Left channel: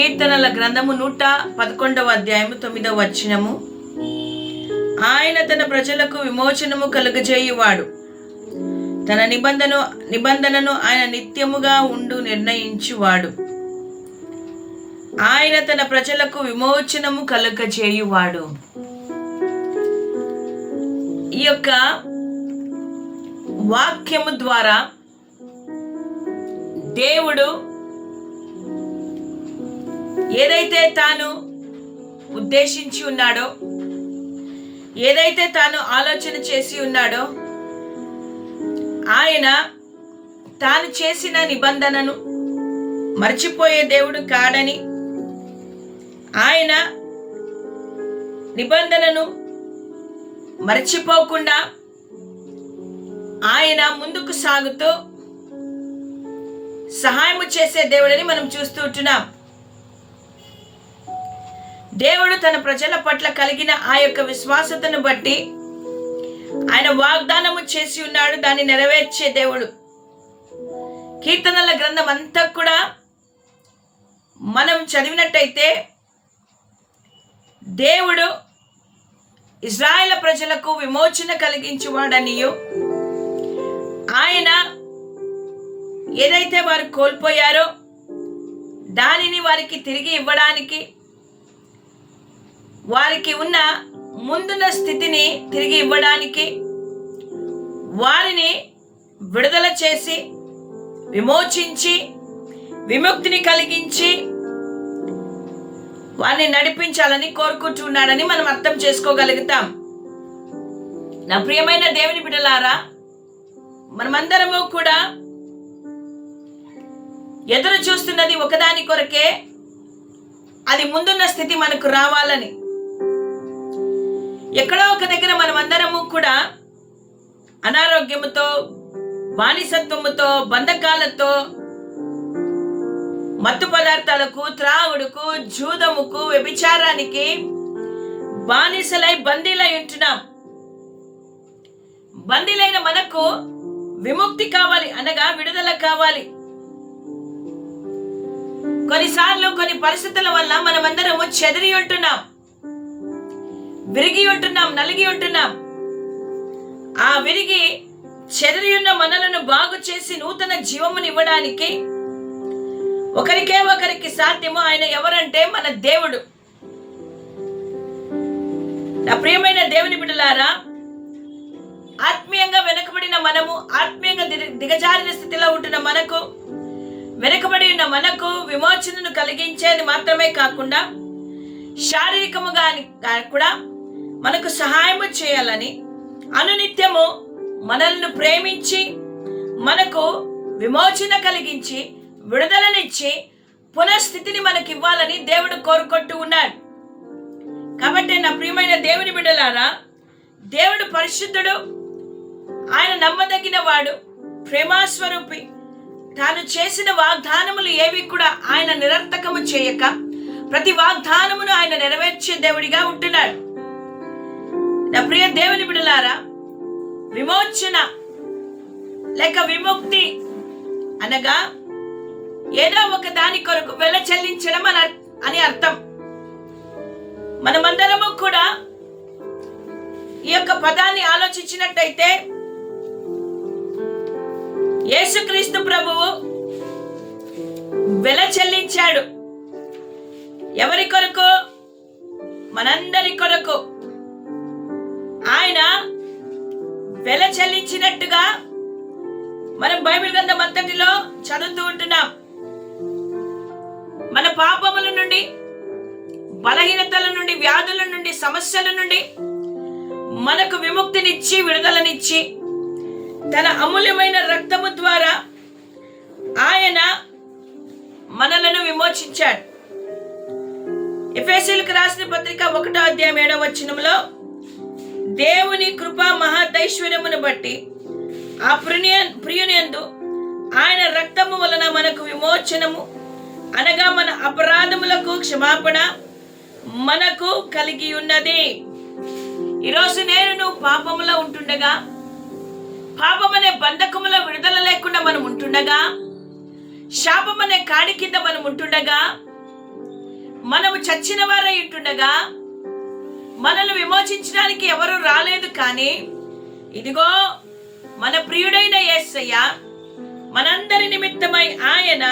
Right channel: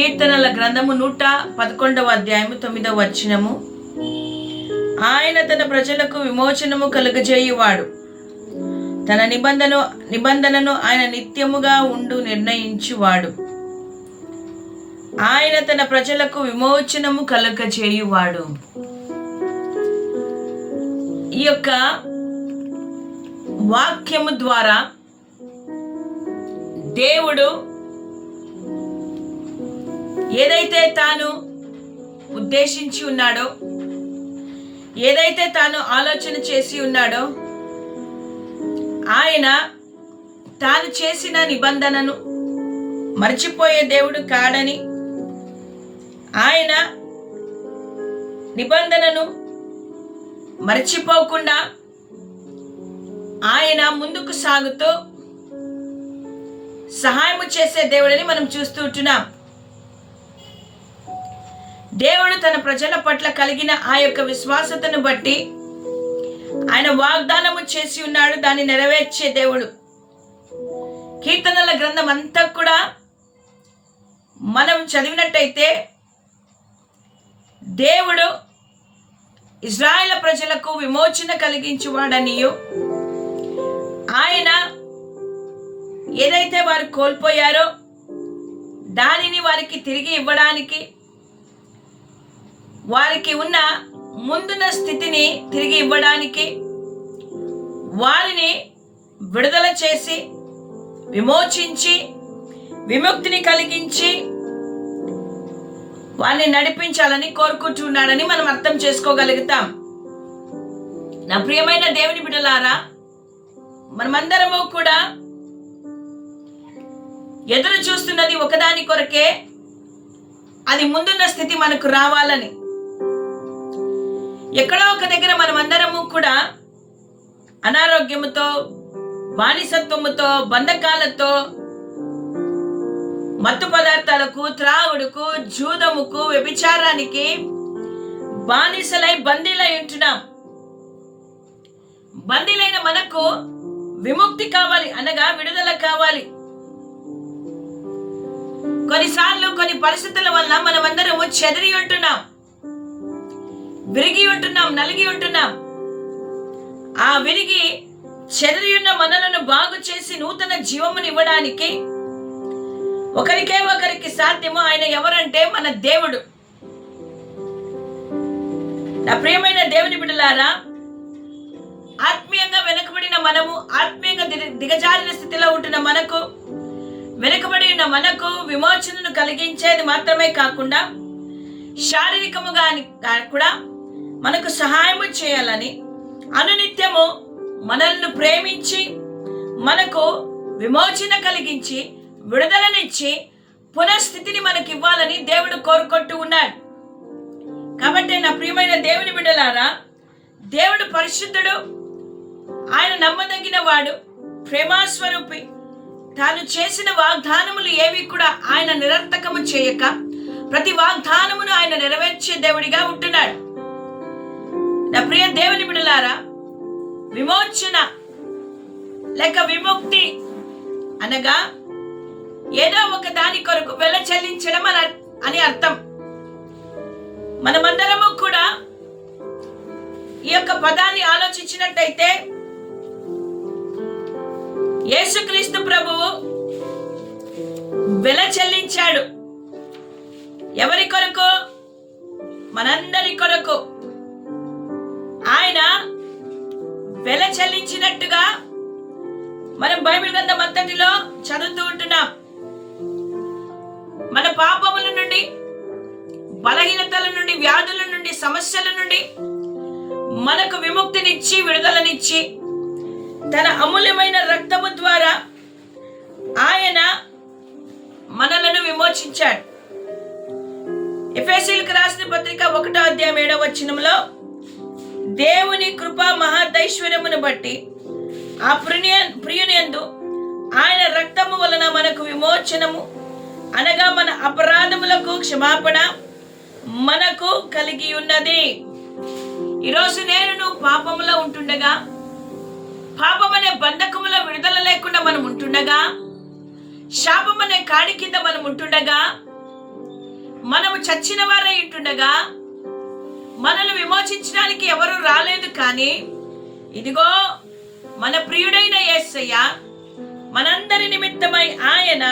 కీర్తనల గ్రంథము నూట పదకొండవ అధ్యాయము తొమ్మిదవ వచనము. ఆయన తన ప్రజలకు విమోచనము కలుగజేయువాడు. తన నిబంధన నిబంధనను ఆయన నిత్యముగా ఉండు నిర్ణయించువాడు. ఆయన తన ప్రజలకు విమోచనము కలుగజేయువాడు. ఈ యొక్క వాక్యము ద్వారా దేవుడు ఏదైతే తాను ఉద్దేశించి ఉన్నాడో ఏదైతే తాను ఆలోచన చేసి ఉన్నాడో ఆయన తాను చేసిన నిబంధనను మర్చిపోయే దేవుడు కాడని ఆయన నిబంధనను మర్చిపోకుండా ఆయన ముందుకు సాగుతూ సహాయము చేసే దేవుడని మనం చూస్తూ ఉంటున్నాం. దేవుడు తన ప్రజల పట్ల కలిగిన ఆ యొక్క విశ్వాసతను బట్టి ఆయన వాగ్దానము చేసి ఉన్నాడు దాన్ని నెరవేర్చే దేవుడు. కీర్తనల గ్రంథం అంతా కూడా మనం చదివినట్టయితే దేవుడు ఇజ్రాయెల్ ప్రజలకు విమోచన కలిగించువాడనియు. ఆయన ఏదైతే వారు కోల్పోయారో దానిని వారికి తిరిగి ఇవ్వడానికి వారికి ఉన్న ముందున్న స్థితిని తిరిగి ఇవ్వడానికి వారిని విడుదల చేసి విమోచించి విముక్తిని కలిగించి వారిని నడిపించాలని కోరుకుంటున్నాడని మనం అర్థం చేసుకోగలుగుతాం. నా ప్రియమైన దేవుని బిడలారా మనమందరము కూడా ఎదురు చూస్తున్నది ఒకదాని కొరకే అది ముందున్న స్థితి మనకు రావాలని ఎక్కడో ఒక దగ్గర మనం అందరము కూడా అనారోగ్యముతో బానిసత్వముతో బంధకాలతో మత్తు పదార్థాలకు త్రావుడుకు జూదముకు వ్యభిచారానికి బానిసలై బందీలై ఉంటున్నాం. బందీలైన మనకు విముక్తి కావాలి అనగా విడుదల కావాలి. కొన్నిసార్లు కొన్ని పరిస్థితుల వల్ల మనమందరము చెదిరి ఉంటున్నాం. విరిగి ఉంటున్నాం నలిగి ఉంటున్నాం. ఆ విరిగి చెదిరి ఉన్న మనలను బాగు చేసి నూతన జీవమునివ్వడానికి ఒకరికే ఒకరికి సాధ్యమో ఆయన ఎవరంటే మన దేవుడు. నా ప్రియమైన దేవుని బిడ్డలారా ఆత్మీయంగా వెనుకబడిన మనము ఆత్మీయంగా దిగ- దిగజారిన స్థితిలో ఉంటున్న మనకు వెనుకబడి ఉన్న మనకు విమోచనను కలిగించేది మాత్రమే కాకుండా శారీరకముగా అని- కూడా మనకు సహాయము చేయాలని అనునిత్యము మనల్ని ప్రేమించి మనకు విమోచన కలిగించి విడుదలనిచ్చి పునఃస్థితిని మనకి ఇవ్వాలని దేవుడు కోరుకుంటూ ఉన్నాడు. కాబట్టి నా ప్రియమైన దేవుని బిడ్డలారా దేవుడు పరిశుద్ధుడు ఆయన నమ్మదగిన వాడు ప్రేమాస్వరూపి తాను చేసిన వాగ్దానములు ఏవి కూడా ఆయన నిరర్థకము చేయక ప్రతి వాగ్దానమును ఆయన నెరవేర్చే దేవుడిగా ఉంటున్నాడు. నా ప్రియ దేవుని బిడలారా విమోచన లేక విముక్తి అనగా ఏదో ఒక దాని కొరకు వెల చెల్లించడం అని అని అర్థం. మనమందరము కూడా ఈ యొక్క పదాన్ని ఆలోచించినట్టయితే యేసుక్రీస్తు ప్రభువు వెల చెల్లించాడు. ఎవరి కొరకు? మనందరి కొరకు. ఆయన వెల చెల్లించినట్టుగా మనం బైబిల్ గ్రంథం అంతటిలో చదువుతూ ఉంటున్నాం. మన పాపముల నుండి బలహీనతల నుండి వ్యాధుల నుండి సమస్యల నుండి మనకు విముక్తినిచ్చి విడుదలనిచ్చి తన అమూల్యమైన రక్తము ద్వారా ఆయన మనలను విమోచించాడు. ఎఫ్ఎస్సీలకు రాసిన పత్రిక ఒకటో అధ్యాయం ఏడవ వచనంలో దేవుని కృప మహాదైశ్వర్యమును బట్టి ఆ ప్రియ ప్రియునియందు ఆయన రక్తము వలన మనకు విమోచనము అనగా మన అపరాధములకు క్షమాపణ మనకు కలిగి ఉన్నది. ఈరోజు నేను నువ్వు పాపములో ఉంటుండగా పాపం అనే బంధకములో విడుదల లేకుండా మనం ఉంటుండగా శాపం అనే కాడి కింద మనం ఉంటుండగా మనము చచ్చిన వారై ఉంటుండగా మనల్ని విమోచించడానికి ఎవరు రాలేదు కానీ ఇదిగో మన ప్రియుడైన యేసయ్య మనందరి నిమిత్తమై ఆయన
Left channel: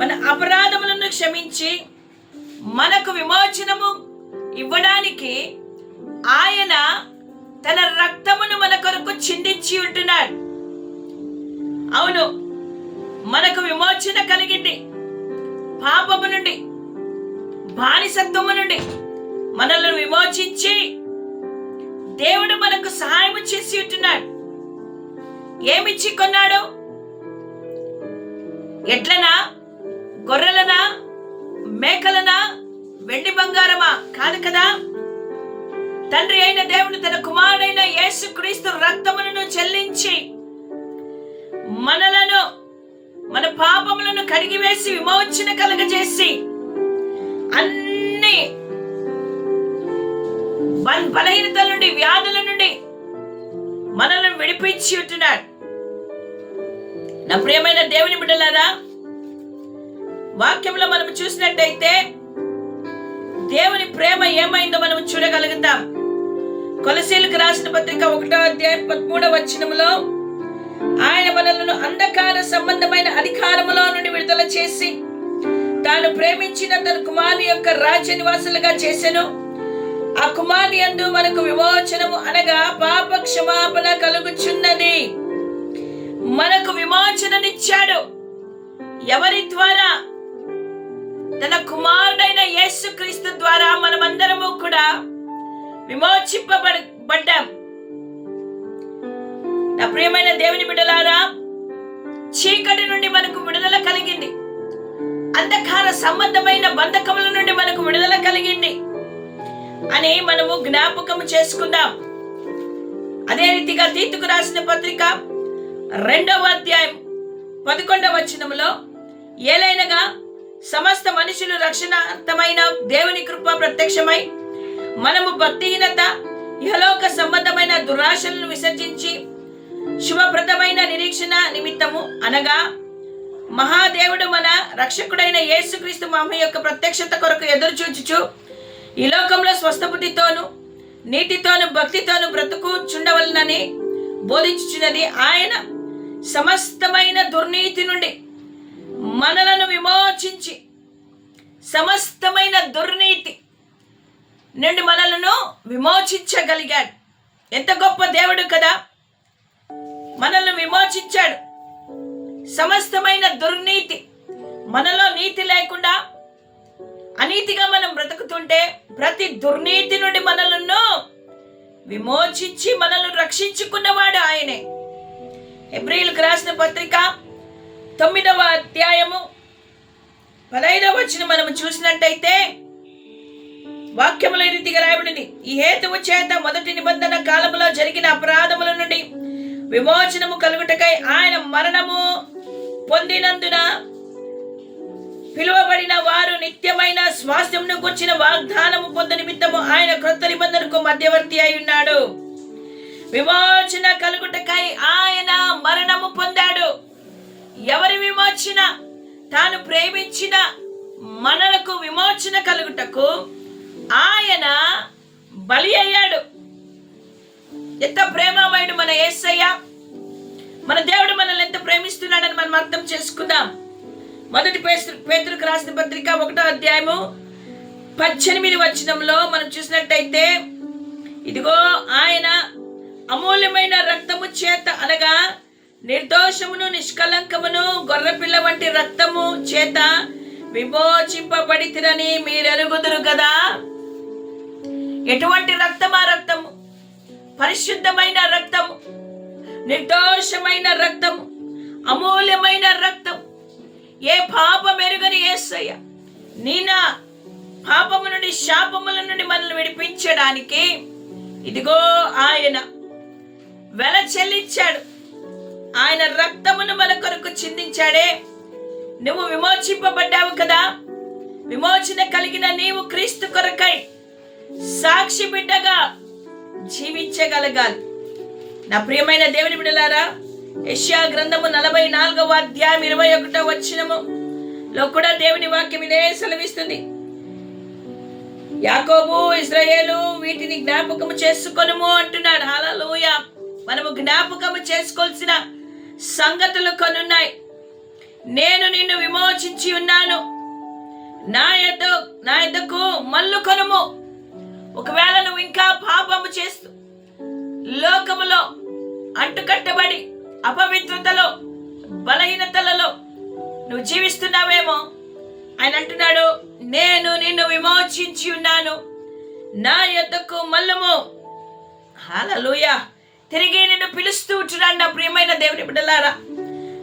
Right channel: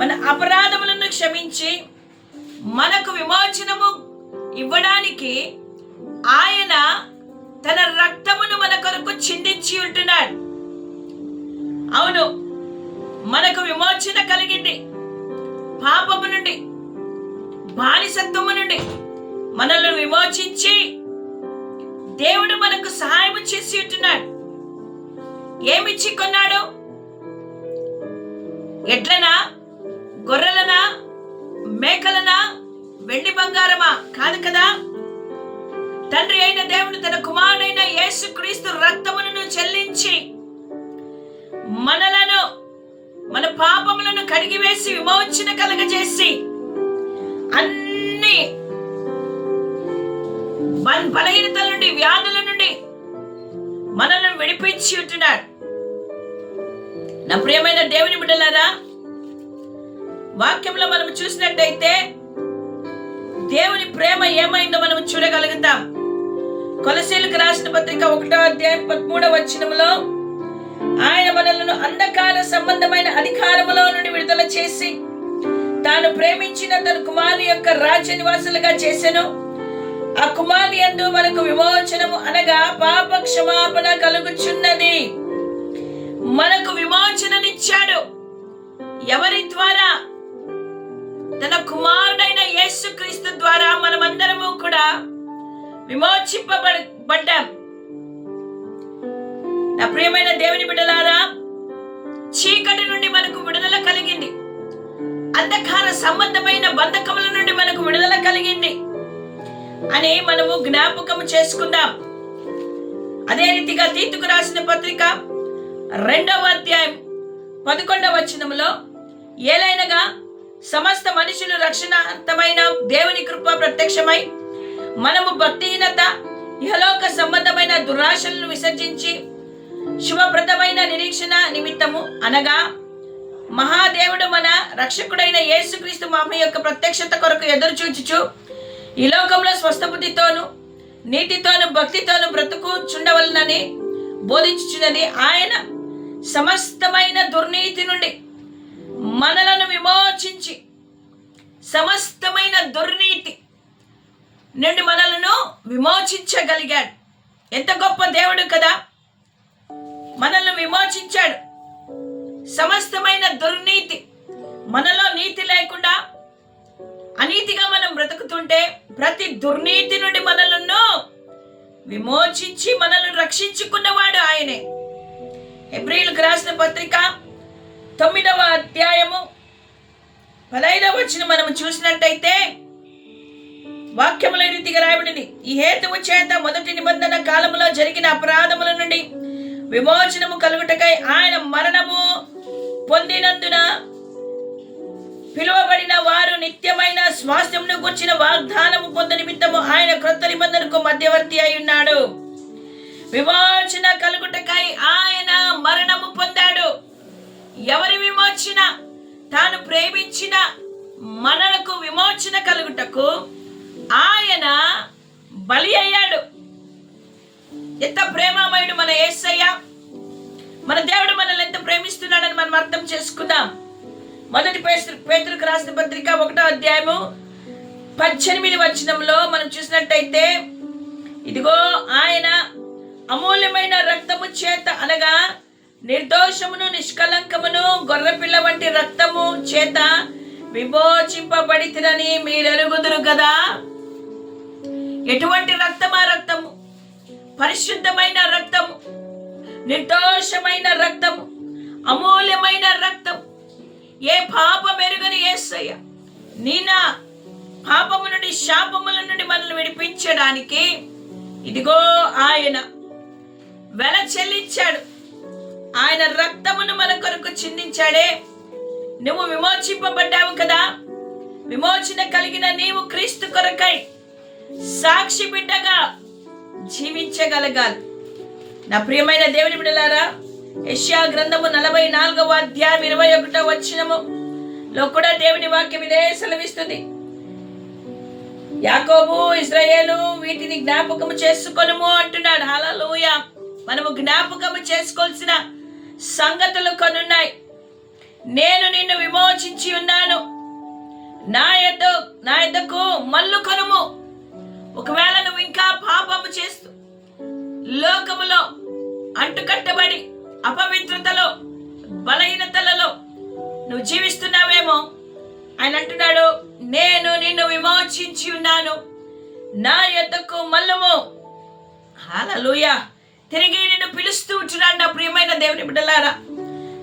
మన అపరాధములను క్షమించి మనకు విమోచనము ఇవ్వడానికి ఆయన తన రక్తమును మన కొరకు చిందించి ఉంటున్నాడు. అవును మనకు విమోచన కలిగింది. పాపము నుండి బానిసత్వము నుండి. మనల్ని విమోచించి దేవుడు మనకు సహాయం చేసి ఉంటున్నాడు. ఏమిచ్చి కొన్నాడు? ఎడ్లనా? గొర్రెలనా? మేకలనా? వెండి బంగారమా? కాదు కదా? తండ్రి అయిన దేవుడు తన కుమారుడైన యేసు క్రీస్తు రక్తములను చెల్లించి మనలను మన పాపములను కడిగివేసి విమోచన కలగజేసి అన్ని బలహీనతల నుండి వ్యాధుల నుండి మనల్ని విడిపించి ఉంటున్నాడు నా ప్రియమైన దేవుని బిడ్డలారా వాక్యంలో మనం చూసినట్టయితే దేవుని ప్రేమ ఏమైందో మనం చూడగలుగుతాం. కొలసీలకు రాసిన పత్రిక ఒకటో అధ్యాయం పదమూడవ వచనములో ఆయన మనలను అంధకార సంబంధమైన అధికారములో నుండి విడుదల చేసి తాను ప్రేమించిన తన కుమారి యొక్క రాజ్య నివాసులుగా చేశాను ఆ కుమారి యందు మనకు విమోచనము అనగా పాప క్షమాపణ కలుగుచున్నది. మనకు విమోచననిచ్చాడు. ఎవరి ద్వారా? తన కుమారుడైన యేసు క్రీస్తు ద్వారా మనమందరము కూడా విమోచింపబడ్డాం నా ప్రియమైన దేవుని బిడ్డలారా చీకటి నుండి మనకు విడుదల కలిగింది. అంధకార సంబంధమైన బంధకముల నుండి మనకు విడుదల కలిగింది. అని మనము జ్ఞాపకం చేసుకుందాం. అదే రీతిగా తీతుకు రాసిన పత్రిక రెండవ అధ్యాయం పదకొండవ వచనములో ఏలైనగా సమస్త మనుషులు రక్షణార్థమైన దేవుని కృప ప్రత్యక్షమై మనము భక్తిహీనత ఇహలోక సంబంధమైన దురాశలను విసర్జించి శుభప్రదమైన నిరీక్షణ నిమిత్తము అనగా మహాదేవుడు మన రక్షకుడైన యేసుక్రీస్తు మామ యొక్క ప్రత్యక్షత కొరకు ఎదురు చూచుచు ఈ లోకంలో స్వస్థబుద్ధితోను నీటితోను భక్తితోను బ్రతుకుచుండవలనని బోధించుచున్నది ఆయన సమస్తమైన దుర్నీతి నుండి మనలను విమోచించి సమస్తమైన దుర్నీతి నుండి మనలను విమోచించగలిగాడు. ఎంత గొప్ప దేవుడు కదా! మనల్ని విమోచించాడు. సమస్తమైన దుర్నీతి మనలో నీతి లేకుండా అనీతిగా మనం బ్రతుకుతుంటే ప్రతి దుర్నీతి నుండి మనలను విమోచించి మనల్ని రక్షించుకున్నవాడు ఆయనే. ఎబ్రిల్కి రాసిన పత్రిక తొమ్మిదవ అధ్యాయము పదైదవ వచ్చిన మనం చూసినట్టయితే వాక్యముల రీతిగా రాయబడింది. ఈ హేతువు చేత మొదటి నిబంధన కాలములో జరిగిన అపరాధముల నుండి విమోచనము కలుగుటకై ఆయన మరణము పొందినందున పిలువబడిన వారు నిత్యమైన స్వాస్థ్యమును గుర్చిన వాగ్దానము పొంద నిమిత్తము ఆయన క్రొత్త నిబంధనకు మధ్యవర్తి అయి ఉన్నాడు. విమోచన కలుగుటకై ఆయన మరణము పొందాడు. ఎవరి విమోచన? తాను ప్రేమించిన మనలకు విమోచన కలుగుటకు ఆయన బలి అయ్యాడు. ఎంత ప్రేమమయుడు మన యేసయ్య మన దేవుడు మనల్ని ఎంత ప్రేమిస్తున్నాడని మనం అర్థం చేసుకుందాం. మొదటి పేతులకు రాసిన పత్రిక ఒకటో అధ్యాయము పద్దెనిమిది వచనంలో మనం చూసినట్టయితే ఇదిగో ఆయన అమూల్యమైన రక్తము చేత అనగా నిర్దోషమును నిష్కలంకమును గొర్రెపిల్ల వంటి రక్తము చేత విమోచింపబడితిరని మీరెరుగుదురు కదా ఎటువంటి రక్తం ఆ రక్తము పరిశుద్ధమైన రక్తము నిర్దోషమైన రక్తము అమూల్యమైన రక్తం ఏ పాపం ఎరుగని ఏసయ్య? నీనా పాపము నుండి శాపముల నుండి మనల్ని విడిపించడానికి ఇదిగో ఆయన వెల చెల్లించాడు. ఆయన రక్తమును మన కొరకు చిందించాడే. నువ్వు విమోచింపబడ్డావు కదా? విమోచన కలిగిన నీవు క్రీస్తు కొరకై సాక్షి బిడ్డగా జీవించగలగాలి. నా ప్రియమైన దేవుని బిడ్డలారా యష్యా గ్రంథము నలభై నాలుగవ అధ్యాయం ఇరవై ఒకటో వచ్చినము లో కూడా దేవుని వాక్యం ఇదే సెలవిస్తుంది. యాకోబు ఇజ్రాయేలు వీటిని జ్ఞాపకము చేసుకొనుము అంటున్నాడు. హలలోయ మనము జ్ఞాపకము చేసుకోవాల్సిన సంగతులు కొనున్నాయి నేను నిన్ను విమోచించి ఉన్నాను. నా యొద్ద నా యొద్దకు మల్లు కొనుము. ఒకవేళ నువ్వు ఇంకా పాపము చేస్తూ లోకములో అంటుకట్టబడి అపవిత్రతలో బలహీనతలలో నువ్వు జీవిస్తున్నావేమో? ఆయన అంటున్నాడు నేను నిన్ను విమోచించి ఉన్నాను. నా యొద్దకు మల్లము హాలూయ తిరిగి నిన్ను పిలుస్తూ ఉంటున్నాను నా ప్రియమైన దేవుని బిడ్డలారా.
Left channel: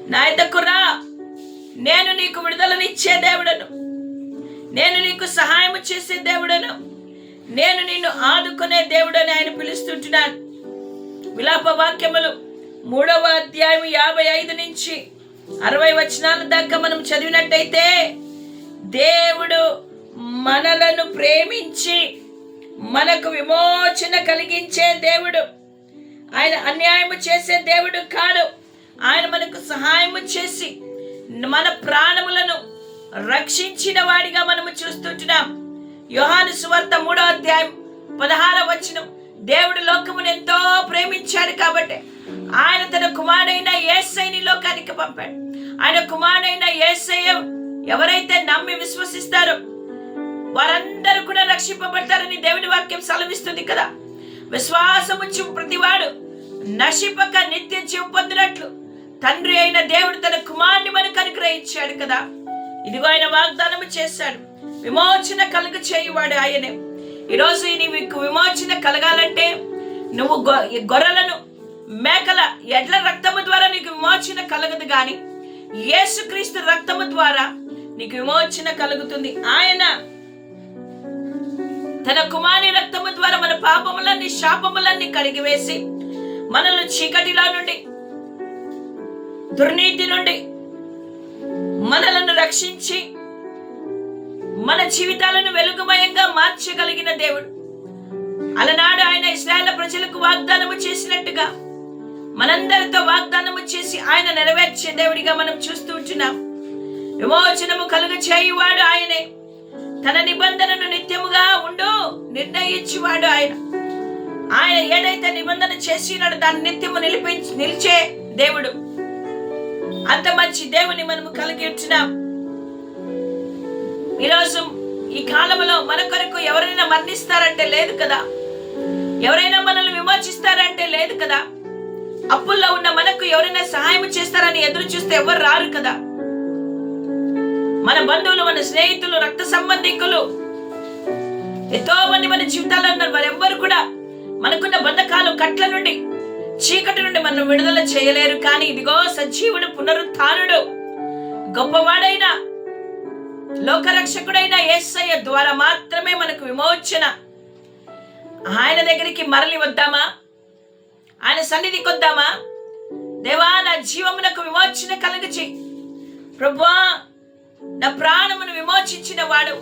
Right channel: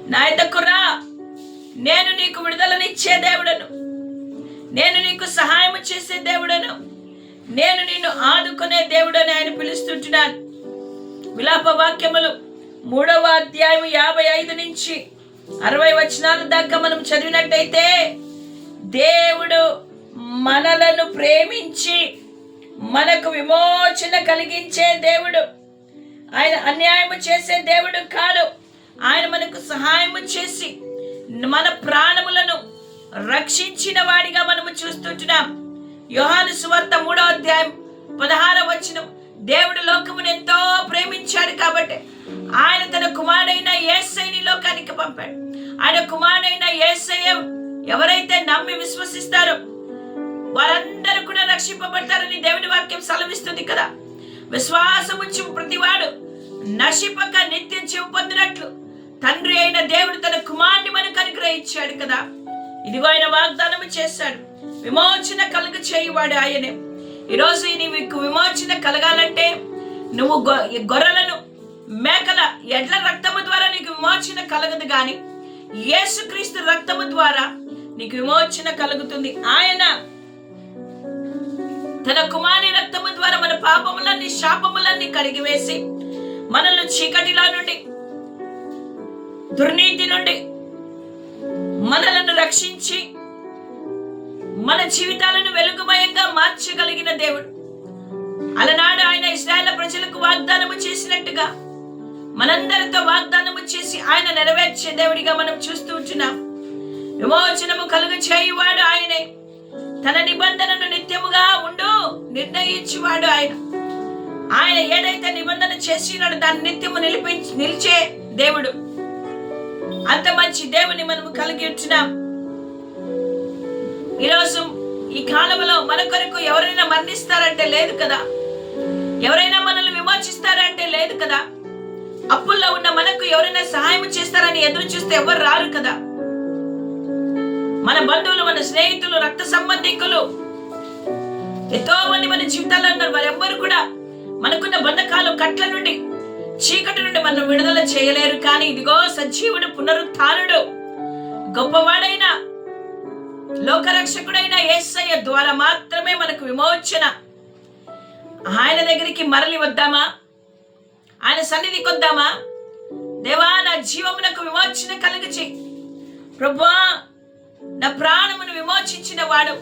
నా యొద్దకు రా. నేను నీకు విడుదలనిచ్చే దేవుడను. నేను నీకు సహాయం చేసే దేవుడను. నేను నిన్ను ఆదుకునే దేవుడని ఆయన పిలుస్తుంటున్నాను విలాప వాక్యములు మూడవ అధ్యాయం యాభై ఐదు నుంచి అరవై వచనాల దాకా మనం చదివినట్టయితే దేవుడు మనలను ప్రేమించి మనకు విమోచన కలిగించే దేవుడు. ఆయన అన్యాయము చేసే దేవుడు కాదు ఆయన మనకు సహాయము చేసి మన ప్రాణములను రక్షించిన వాడిగా మనము చూస్తుంటున్నాం. యోహాను సువార్త మూడో అధ్యాయం పదహార వచనం దేవుడు లోకమును ఎంతో ప్రేమించాడు కాబట్టి ఆయన తన కుమారుడైన ఏసైని లోకానికి పంపాడు. ఆయన కుమారుడైన ఏసయ్య ఎవరైతే నమ్మి విశ్వసిస్తారో వారందరూ కూడా రక్షింపబడతారని దేవుని వాక్యం సెలవిస్తుంది కదా. విశ్వాసముచ్చు ప్రతివాడు నశిపక నిత్యం జీవ పొందినట్లు తండ్రి అయిన దేవుడు తన కుమారుని మనకు అనుగ్రహించాడు కదా. ఇదిగో ఆయన వాగ్దానము చేశాడు. విమోచన కలుగ చేయువాడు ఆయనే. ఈరోజు నీకు విమోచన కలగాలంటే నువ్వు గొ- గొర్రెలను మేకల ఎడ్ల రక్తము ద్వారా నీకు విమోచన కలగదు గాని యేసుక్రీస్తు రక్తము ద్వారా నీకు విమోచన కలుగుతుంది. ఆయన తన కుమారి రక్తము ద్వారా మన పాపములన్నీ శాపములన్నీ కడిగివేసి మనల్ని చీకటిలో నుండి దుర్నీతి నుండి మనలను రక్షించి మన జీవితాలను వెలుగుమయంగా మార్చగలిగిన దేవుడు. అలనాడు ఆయన ఇస్రాయేల్ ప్రజలకు వాగ్దానము చేసినట్టుగా మనందరితో వాగ్దానము చేసి ఆయన నెరవేర్చే దేవుడిగా మనం చూస్తూ ఉంటున్నాం. విమోచనము కలుగ చేయువాడు ఆయనే. తన నిబంధనను నిత్యముగా ఉండు నిర్ణయించువాడు ఆయన. ఆయన ఏదైతే నిబంధన చేసినాడో దాన్ని నిత్యము నిలిపించి నిలిచే దేవుడు. అంత మంచి దేవుని మనము కలిగి ఉంటున్నాం. ఈరోజు ఈ కాలంలో మన కొరకు ఎవరైనా మరణిస్తారంటే లేదు కదా? ఎవరైనా మనల్ని విమోచిస్తారంటే లేదు కదా? అప్పుల్లో ఉన్న మనకు ఎవరైనా సహాయం చేస్తారని ఎదురు చూస్తే ఎవరు రారు కదా? మన బంధువులు మన స్నేహితులు రక్త సంబంధికులు. ఎంతో మంది మన జీవితాల్లో ఉన్నారు. వారెవ్వరు కూడా మనకున్న బంధకాలు కట్ల నుండి చీకటి నుండి మనం విడుదల చేయలేరు. కానీ ఇదిగో సజీవుడు పునరుత్డు గొప్పవాడైన లోకరక్షకుడైన ఏసయ్య ద్వారా మాత్రమే మనకు విమోచన. ఆయన దగ్గరికి మరలి వద్దామా? ఆయన సన్నిధి కొద్దామా దేవా నా జీవమునకు విమోచన కలుగచి ప్రభువా నా ప్రాణమును విమోచించిన వాడు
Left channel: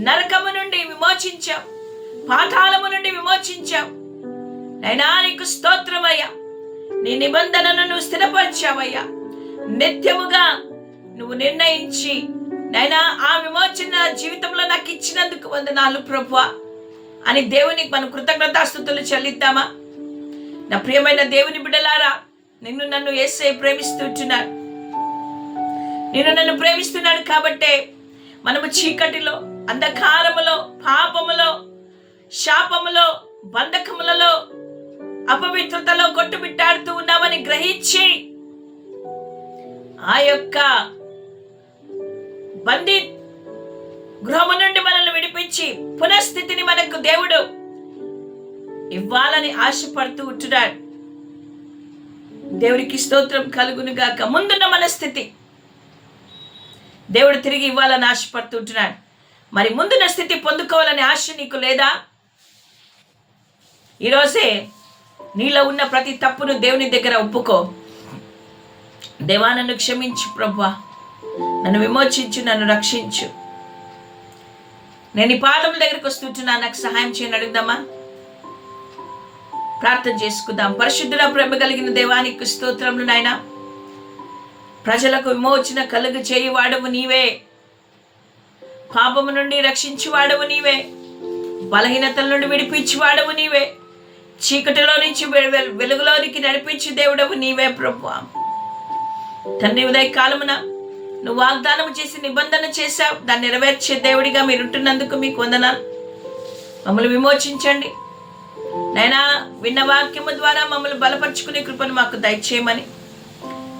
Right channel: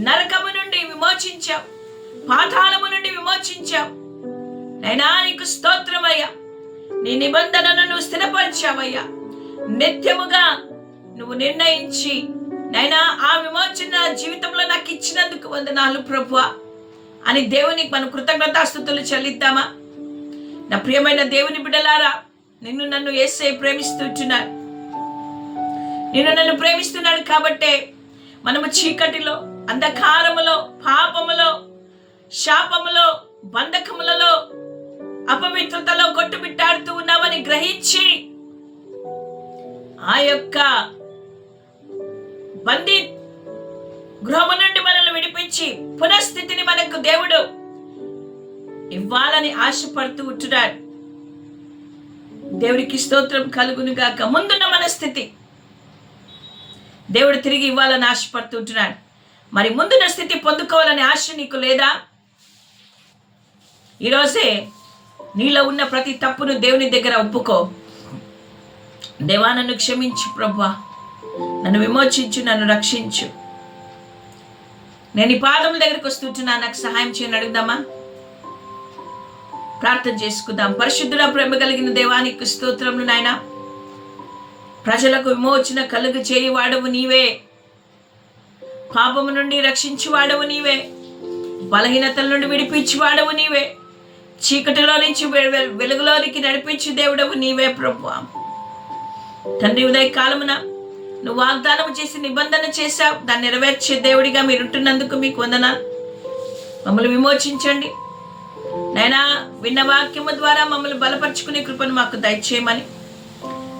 నరకము నుండి విమోచించావు పాతాళము నుండి విమోచించావు. నైనా నీకు స్తోత్రమయ్యా. నీ నిబంధనను నువ్వు స్థిరపరిచావయ్యా. నిత్యముగా నువ్వు నిర్ణయించి నైనా ఆ విమోచన జీవితంలో నాకు ఇచ్చినందుకు వందనాలు ప్రభు అని దేవునికి మనం కృతజ్ఞతాస్థుతులు చెల్లిద్దామా? నా ప్రియమైన దేవుని బిడ్డలారా నిన్ను నన్ను ఏసై ప్రేమిస్తుంటున్నాను. నిన్ను నన్ను ప్రేమిస్తున్నాడు కాబట్టే మనము చీకటిలో అంధకారములో పాపములో శాపములో బంధకములలో అపవిత్రతలో కొట్టుబిట్టాడుతూ ఉన్నామని గ్రహించి ఆ యొక్క బందీ గృహము నుండి మనల్ని విడిపించి పునఃస్థితిని మనకు దేవుడు ఇవ్వాలని ఆశపడుతూ ఉంటున్నాడు. దేవుడికి స్తోత్రం కలుగును గాక. ముందున్న మన స్థితి దేవుడు తిరిగి ఇవ్వాలని ఆశపడుతుంటున్నాడు మరి ముందున్న స్థితి పొందుకోవాలని ఆశ నీకు లేదా? ఈరోజే నీలో ఉన్న ప్రతి తప్పును దేవుని దగ్గర ఒప్పుకో. దేవా నన్ను క్షమించు ప్రభా నన్ను విమోచించు నన్ను రక్షించు. నేను ఈ పాదముల దగ్గరికి వస్తుంటున్నా. నాకు సహాయం చేయని అడుగుదామా? ప్రార్థన చేసుకుందాం. పరిశుద్ధుల ప్రేమ కలిగిన దేవానికి స్తోత్రములు నాయన. ప్రజలకు విమోచన కలుగు చేయి వాడవు నీవే. పాపము నుండి రక్షించి వాడవు నీవే. బలహీనతల నుండి విడిపించి వాడవు నీవే. చీకటిలో నుంచి వెలుగులోనికి నడిపించే దేవుడవు నీవే ప్రభు తండ్రి ఉదయ కాలమున నువ్వు వాగ్దానం చేసి నిబంధన చేశావు. దాన్ని నెరవేర్చే దేవుడిగా మీరుంటున్నందుకు మీకు వందనాలు. మమ్మల్ని విమోచించండి. నైనా విన్న వాక్యము ద్వారా మమ్మల్ని బలపరుచుకునే కృపను మాకు దయచేయమని.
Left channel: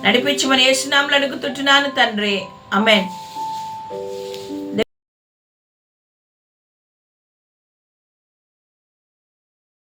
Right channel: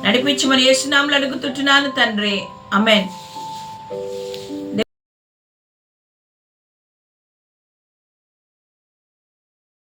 నడిపించమని ఏసునాములు అడుగుతుంటున్నాను తండ్రి. అమెన్